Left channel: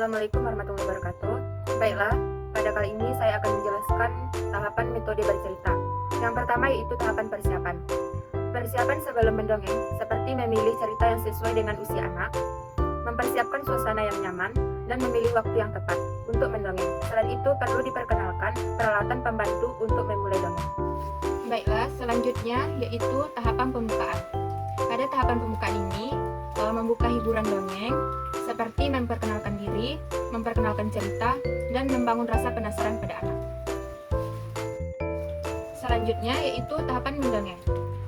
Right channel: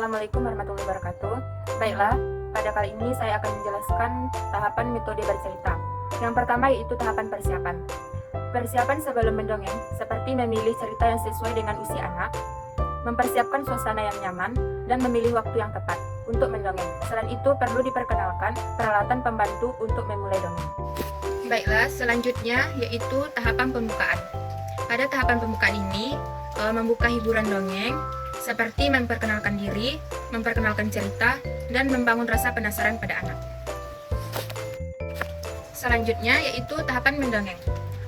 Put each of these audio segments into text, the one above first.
Assalamualaikum warahmatullahi wabarakatuh. Baiklah, pada kali ini saya akan menjelaskan tahapan metode bercerita. Yang pertama yaitu tahapan persiapan. Persiapan sebelum mendongeng seperti memilih cerita yang sesuai dengan usia anak, mempersiapkan suasana yang nyaman, dan memilih waktu yang tepat untuk mendongeng. Selain itu perlu diperkenalkan peralatan pembantu untuk memulai dongeng. Baiklah, selanjutnya yaitu tahapan pembukaan. Pada tahapan pembukaan ini, membuka hiburan dongeng seperti memperkenalkan diri, memperkenalkan cerita, dan membangun rasa penasaran pada anak. Selanjutnya yaitu tahapan mendongeng.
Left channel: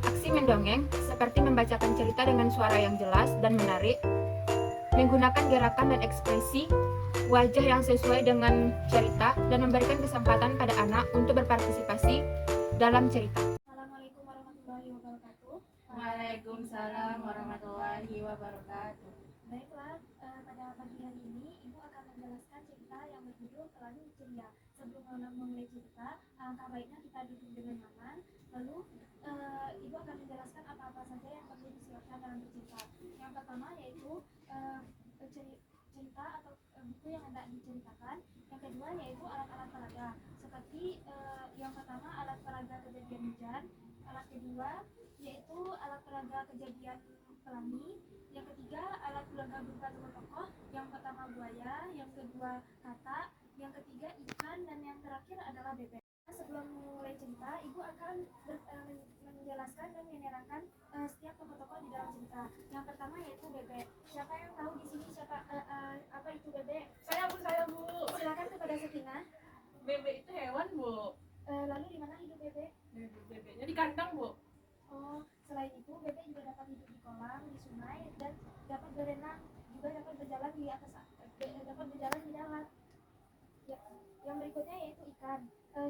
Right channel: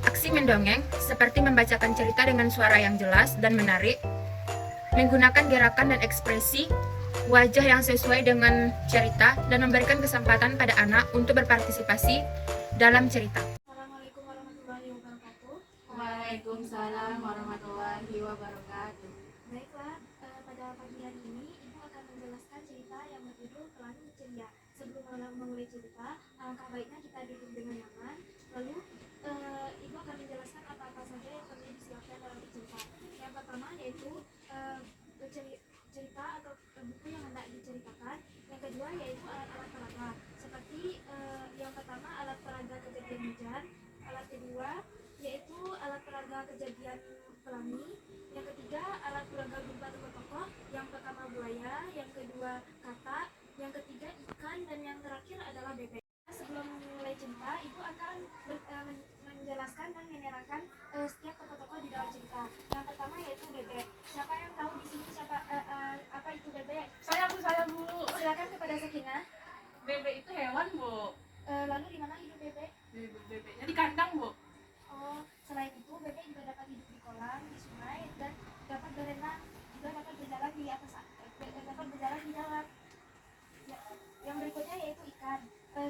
Aksi mendongeng seperti membacakan cerita dengan suara yang jelas dan menarik, menggunakan gerakan dan ekspresi wajah yang sesuai dengan cerita, dan memberikan kesempatan pada anak untuk berpartisipasi dalam cerita. Assalamualaikum warahmatullahi wabarakatuh. Waalaikumsalam warahmatullahi wabarakatuh. Baiklah, pada pagi hari ini Ibu akan menjelaskan cerita yang berjudul Pelangi Ceria. Sebelum memulai cerita, alangkah baiknya kita duduk dengan nyaman. Lalu Ibu akan menjelaskan apa-apa saja yang perlu disiapkan dalam cerita. Yang pertama yaitu cerita atau buku yang hendak diceritakan. Yang kedua yaitu alat-alat peraga. Seperti yang pertama alat peraga kejadian hujan. Alat kedua yaitu alat peraga kejadian pelangi. Yang ketiga alat peraga berupa tokoh tokoh. Yang pertama buaya, yang kedua katak, yang ketiga ikan, dan yang terakhir adalah bebek. Sebelum memulai cerita, Ibu akan menjelaskan dan menerangkan setiap tokoh-tokoh di dalam cerita. Yang pertama yaitu bebek. Siapa yang tahu di sini apa itu bebek? Saya Bu. Silakan kepada Sakinah. Bebek itu hewan, Bu. Lalu di mana hidup bebek? Bebeknya di kandang, Bu. Oh, selain itu bebek juga dapat hidup di kolam, di sungai, dan dapat berenang, juga dapat berjalan di atas, dapat berjalan di darat. Ya, yang berikutnya yaitu ikan.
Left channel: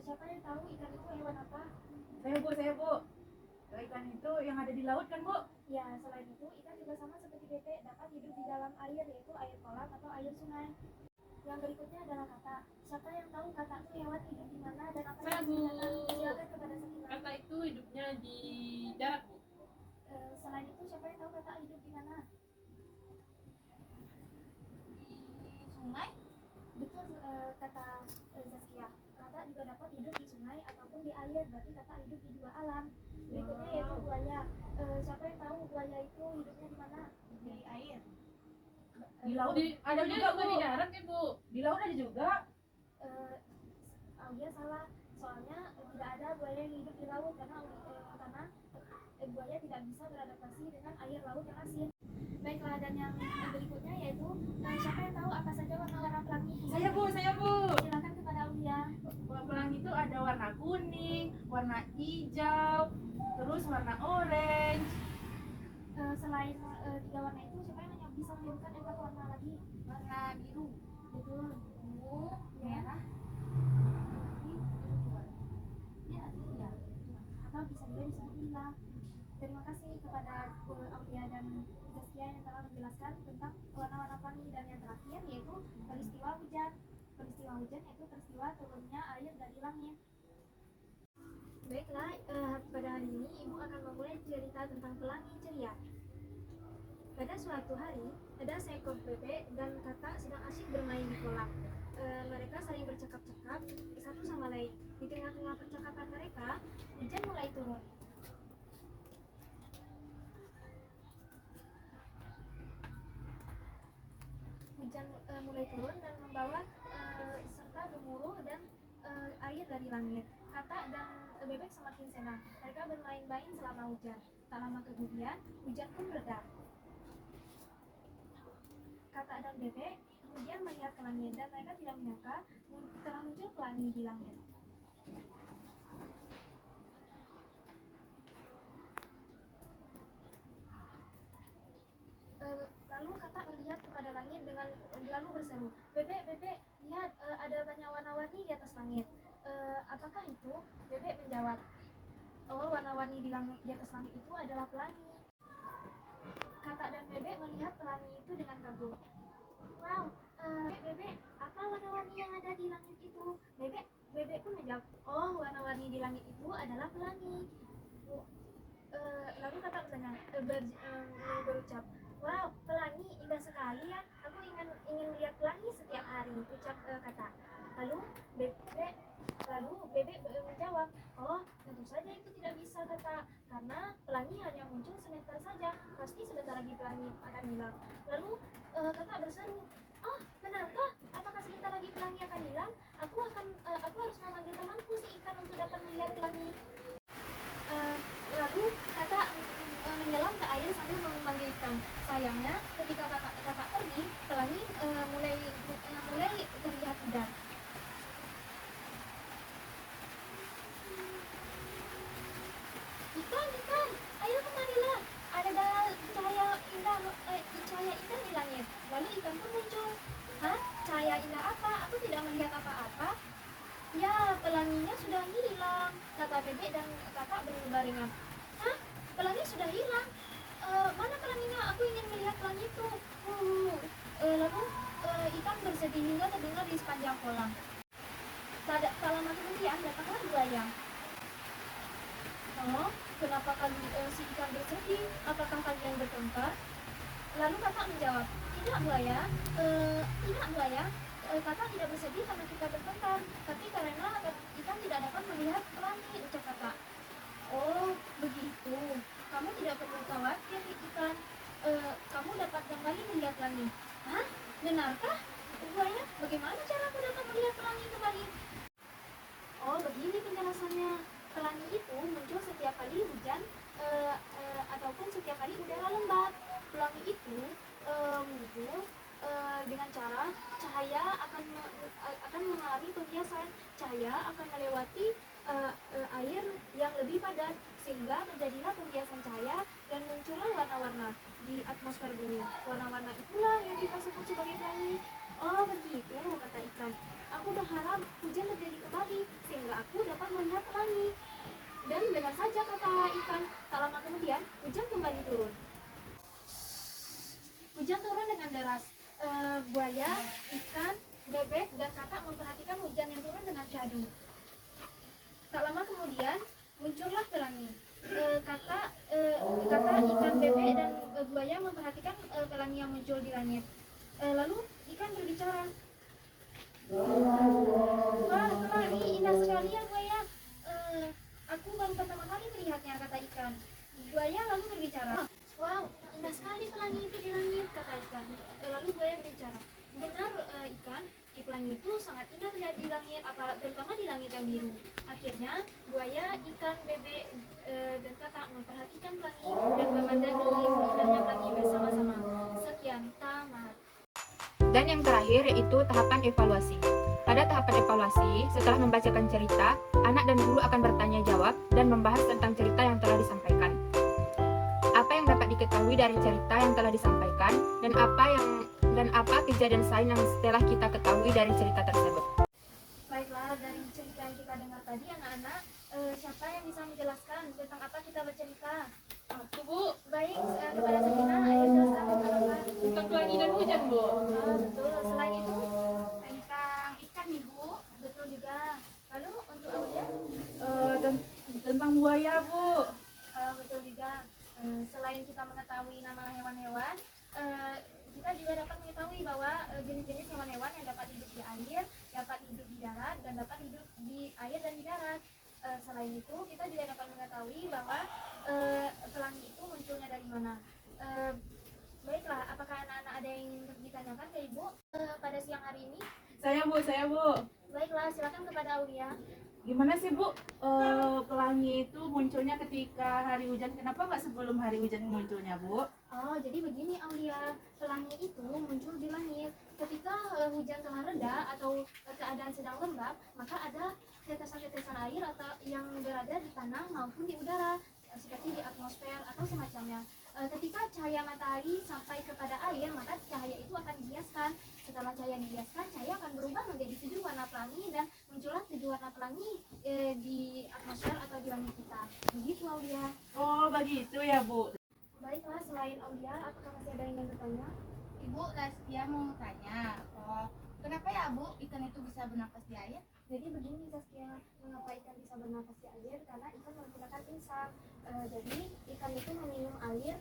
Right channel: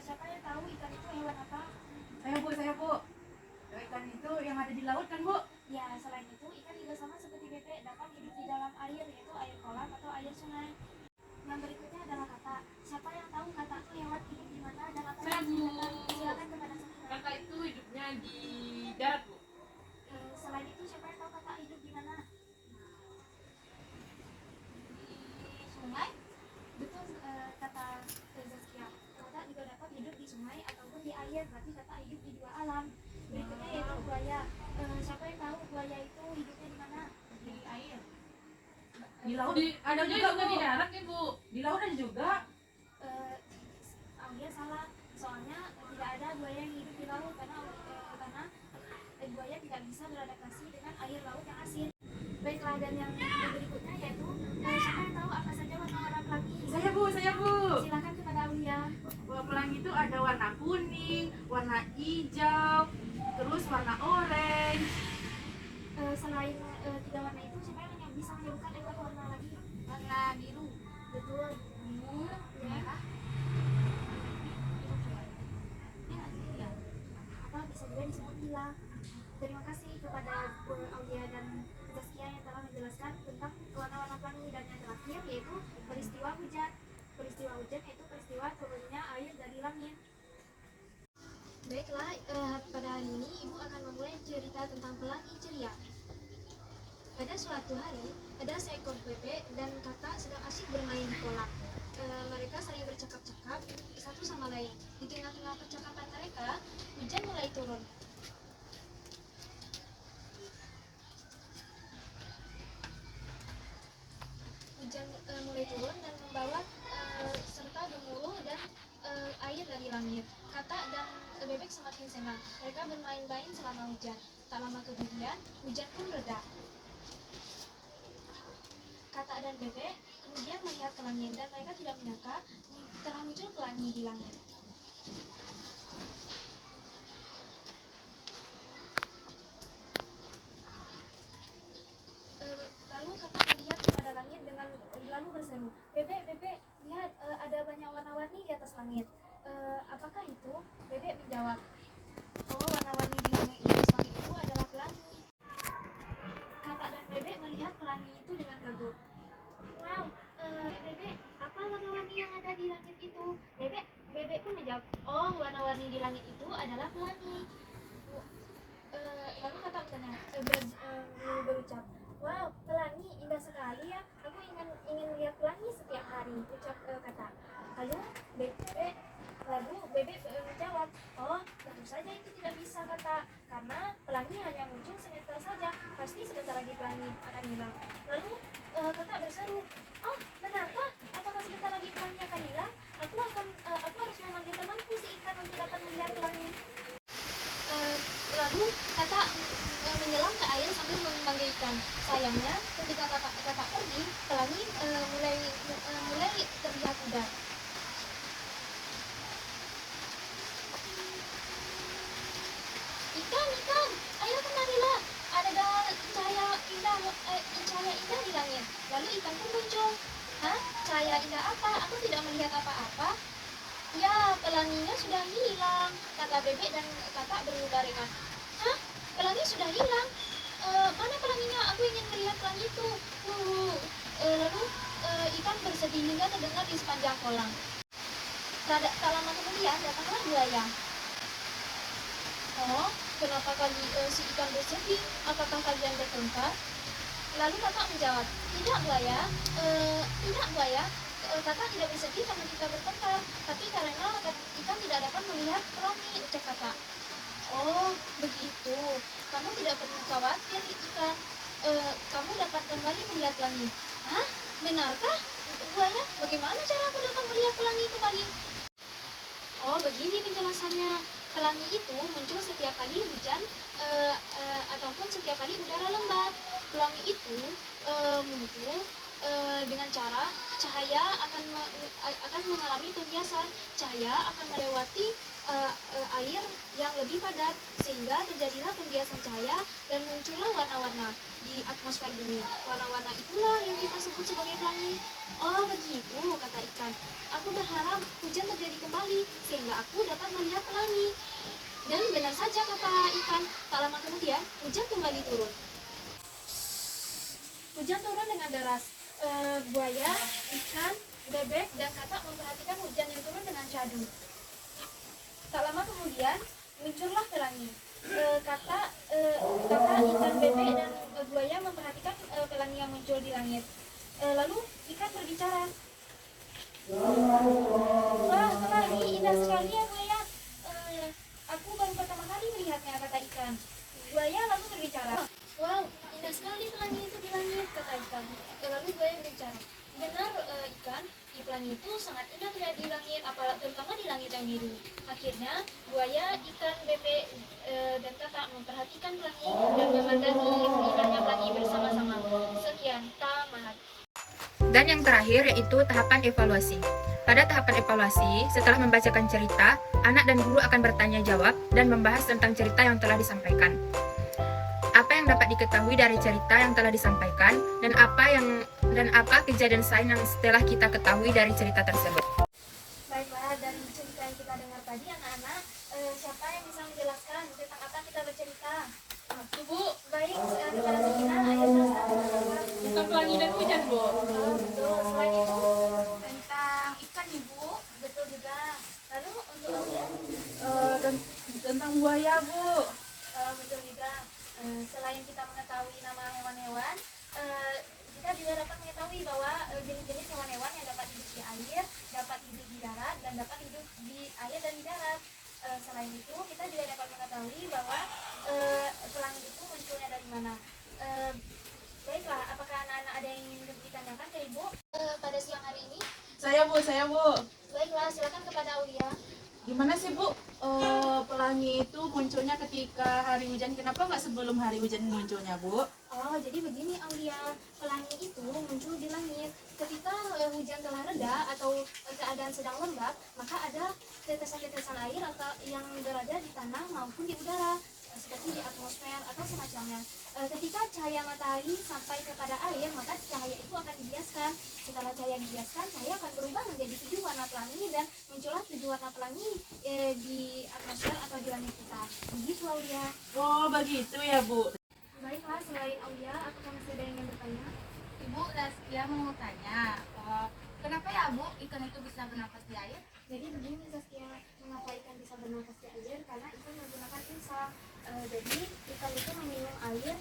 Siapa yang tahu ikan itu hewan apa? Saya Bu. Ikan itu yang ada di laut kan, Bu? Ya, selain itu ikan juga sama seperti bebek, dapat hidup di dalam air, yaitu air kolam atau air sungai. Yang berikutnya adalah katak. Siapa yang tahu katak itu hewan hidup di mana dan apa Saya, yang Bu. digunakan? Silakan kepada Sakinah. Kata itu hidupnya di darat, Bu. Selain itu siapa yang tahu katak hidup di mana? Di sungai? Betul, kata Zaskia. Katak juga dapat hidup di sungai ataupun di air, berarti katak hidup di dua alam. Berikutnya yaitu buaya. Siapa yang tahu buaya itu hidupnya di mana? Di air. Di laut ada juga di darat ya, Bu. Di laut ada juga. Aulia salah, soalnya tidak ada buaya yang hidup di laut karena buaya tidak bisa beradaptasi dengan air laut yang asin. Baiklah, dan yang berikutnya yaitu siapa yang tahu apa saja warna-warna pelangi? Saya Bu. Silakan kepada Aulia. Pelangi itu ada warna kuning, warna hijau, terus warna orange. Selain tiga warna itu, siapa yang bisa menyebutkan empat warna lagi? Warna biru. Betul, biru, merah, atau bisa juga disebut hilang. Terima kasih kepada Aulia dan Zaskia yang telah menjelaskan tentang warna-warna pelangi. Dan yang terakhir yaitu peristiwa hujan. Peristiwa hujan yaitu peristiwa turunnya air dari langit. Baiklah, pada hari ini Ibu akan memulai cerita tentang Pelangi Ceria. Pada suatu hari, ada seekor bebek dan katak sedang asyik bermain di kolam. Mereka saling bercakap-cakap satu sama lain. Di tengah-tengah percakapan mereka, hujan mulai turun. Hujan mulai turun dan membawa serta gemuruh dan air dari langit. Katak dan bebek semakin senang. Mereka bermain-main selama hujan. Tak lama kemudian, hujan pun reda. Katak dan bebek kemudian melihat ke langit dan mereka tidak menyangka telah muncul pelangi di langit. Lalu katak melihat kepada langit dengan lalu berseru, "Bebek, bebek, lihat ada banyak warna-warni di atas langit. Apakah itu?" Bebek menjawab, "Oh, warna-warni di atas langit itu adalah pelangi." Katak dan bebek melihat pelangi itu dengan kagum. "Wow, bebek, apa warna-warni yang ada di langit itu?" Bebek pun menjawab, "Oh, warna-warni di langit itu adalah pelangi." Lalu katak berucap, "Wow, pelangi indah sekali ya. Aku ingin lihat pelangi setiap hanya muncul sebentar saja, pasti sebentar lagi pelangi akan hilang. Lalu kakak berseru, oh benarkah? Apakah sebentar lagi pelangi akan hilang? Aku harus memanggil temanku si ikan untuk dapat melihat pelangi. Lalu kakak menyelam ke air sambil memanggil ikan. Sayangnya ketika kakak pergi, pelangi mulai terlihat pudar. Ikan, ayo kemarilah. Ada cahaya indah di langit. Lalu ikan pun muncul. Hah? Cahaya indah apa? Aku tidak melihat apa-apa. Ya, pelanginya sudah hilang, kata bebek dan kakak berbarengan. Hah? Pelangi sudah hilang? Mana pelanginya? Aku ingin melihat pelangi itu. Lalu ikan bersedih hingga terdengar di sepanjang kolam. Tak lama kemudian datanglah buaya. Oh, kenapa si ikan bersedih? Apakah kalian bertengkar? Lalu kakak menjawab, tidak buaya, kakak tidak bersedih karena kita bertengkar, tapi karena ikan tidak dapat melihat pelangi, ucap kakak. Oh, begitu. Kamu tidak perlu khawatir, ikan. Kamu dapat kembali melihat pelangi. Hah? Benarkah? Buaya, bagaimana cara aku dapat melihat pelangi kembali? Oh, begini penjelasannya. Pelangi itu muncul setiap kali hujan ataupun setiap kali udara lembab. Pelangi itu muncul dengan cara cahaya akan mengalami pembiasan. Cahaya akan melewati air yang lebih padat sehingga terjadilah pembiasan cahaya dan muncullah warna-warna di atmosfer bumi. Warna-warna itulah yang kita sebut sebagai pelangi. Oh begitu, kata ikan. Aku berharap hujan terjadi kembali sehingga aku dapat melihat pelangi. Dan benar saja kata ikan. Tak lama kemudian hujan kembali turun. Hujan turun dengan deras. Buaya, ikan, bebek, dan kakak memperhatikan hujan yang turun dengan syahdu. Tak lama kemudian muncullah pelangi. Kakak, ikan, bebek, dan buaya memperhatikan pelangi yang muncul di langit. Lalu ikan berbicara. Wah, pelangi indah sekali ya buaya. Aku baru pertama kali melihatnya, kata ikan. Buaya lalu berbicara. Wow, indah sekali pelangi itu di langit, kata ikan. Lalu buaya berbicara. Benar ikan, pelangi itu sangat indah terlihat di langit, terutama di langit yang biru. Akhirnya buaya, ikan, bebek, dan kakak memperhatikan pelangi dan memandangi indahnya pelangi bersama-sama. Sekian, tamat. Dan yang terakhir yaitu tahapan evaluasi. Pada tahapan evaluasi, setelah membacakan cerita, anak dan guru akan bertanya jawab dan membahas tentang cerita yang telah disampaikan. Apa yang dapat diketahui dari cerita yang telah disampaikan dan apa kejadian sains yang setelah kita ketahui dari cerita tersebut. Baiklah, dari cerita yang kita dengar tadi anak-anak, siapa yang bisa menjelaskan tentang apa kita bercerita? Aku Bu, Baik, kepada Sakina, ayo jelaskan tentang apa? tentang pelangi dan hujan Bu. Betul, selain itu, Tentang ikan nih Bu. betul juga. Lalu untuk Aulia, Tentang buaya Bu. betul juga. Selain kita mengetahui nama hewan-hewan, kita juga dapat mengetahui bahwa jenis-jenis hewan-hewan yang dapat hidup di air, dapat hidup di darat, dan dapat hidup di air dan di darat. Selain itu, kita juga dapat mengetahui bahwa pelangi itu munculnya dari mana. Baiklah, apakah anak-anak ada yang ingin ditanyakan ke Ibu pada siang hari ini? Saya Bu. Baiklah, silakan kepada Aulia. Gimana sih Bu? Pelangi itu munculnya ketika hari hujan. Kenapa nggak sebelum hari hujan munculnya Bu? Oh, jadi begini Aulia, pelangi itu muncul di langit. Ketika hujan telah reda atau keadaan sedang lembab, maka ada tetesan-tetesan air yang berada di tanah maupun di udara, seperti di atmosfer atau semacamnya. Ketika cahaya matahari sampai kepada air, maka cahaya itu akan dibiaskan. Setelah cahaya dibiaskan, cahaya akan berubah menjadi 7 warna pelangi dan muncullah 7 warna pelangi di atmosfer atau di langit kita. Begitu Aulia. Oh begitu ya Bu. Baiklah, selain Aulia, apakah masih ada yang ingin bertanya? Ibu Zaskia mau tanya, kenapa ya Bu ikan itu bisa bernapas di air? Jadi begini Zaskia, mengapa ikan bisa bernafas di air? Karena ikan menggunakan insang. Jadi ikan itu meminum air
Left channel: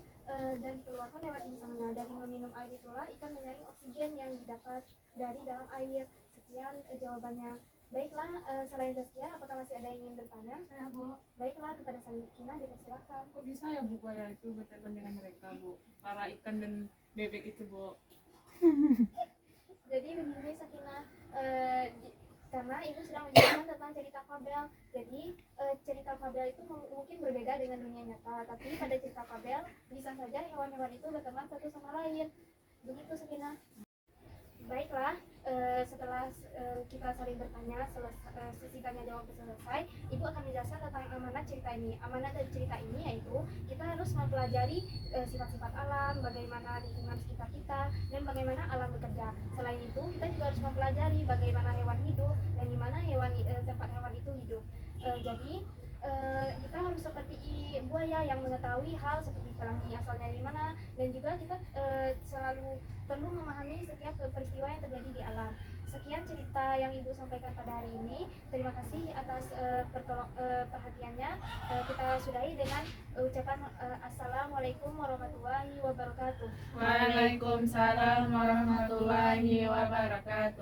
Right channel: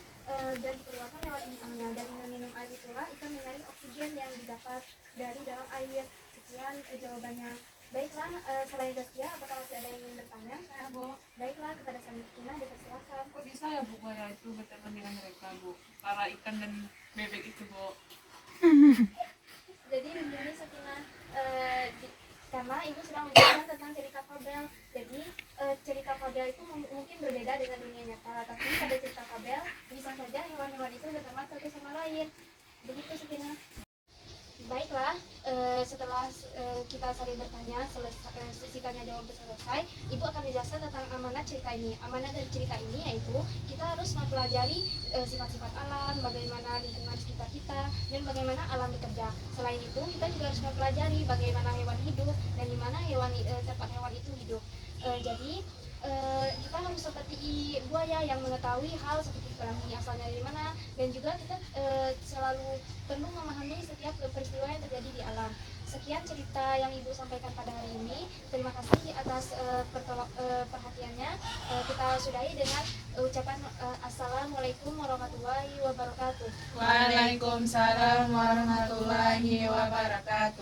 dan dikeluarkan lewat insangnya. Dari meminum air itulah ikan menyaring oksigen yang didapat dari dalam air. Sekian jawabannya. Baiklah, selain Zaskia, apakah masih ada yang ingin bertanya? Saya Bu, Baiklah, kepada Sakinah dipersilakan. kok bisa ya Bu Koya itu berteman dengan mereka Bu? Para ikan dan bebek itu Bu. Jadi begini Sakinah, karena ibu sedang menjelaskan tentang cerita fabel. Jadi cerita fabel itu mungkin berbeda dengan dunia nyata, tapi pada cerita fabel bisa saja hewan-hewan itu berteman satu sama lain. Begitu Sakinah. Baiklah, setelah kita saling bertanya, sesi tanya jawab selesai, ibu akan menjelaskan tentang amanat cerita ini. Amanat dari cerita ini yaitu kita harus mempelajari sifat-sifat alam, bagaimana lingkungan sekitar kita, dan bagaimana alam bekerja. Selain itu, kita juga harus mempelajari bagaimana hewan hidup dan di mana tempat hewan itu hidup. Jadi kita harus seperti buaya yang mengetahui hal seperti ini asalnya dari mana, dan juga kita selalu perlu memahami setiap peristiwa yang terjadi di alam. Sekian cerita yang ibu sampaikan pada hari ini. Terima kasih atas perhatiannya. Kita sudahi dengan ucapan assalamualaikum warahmatullahi wabarakatuh. Waalaikumsalam warahmatullahi wabarakatuh.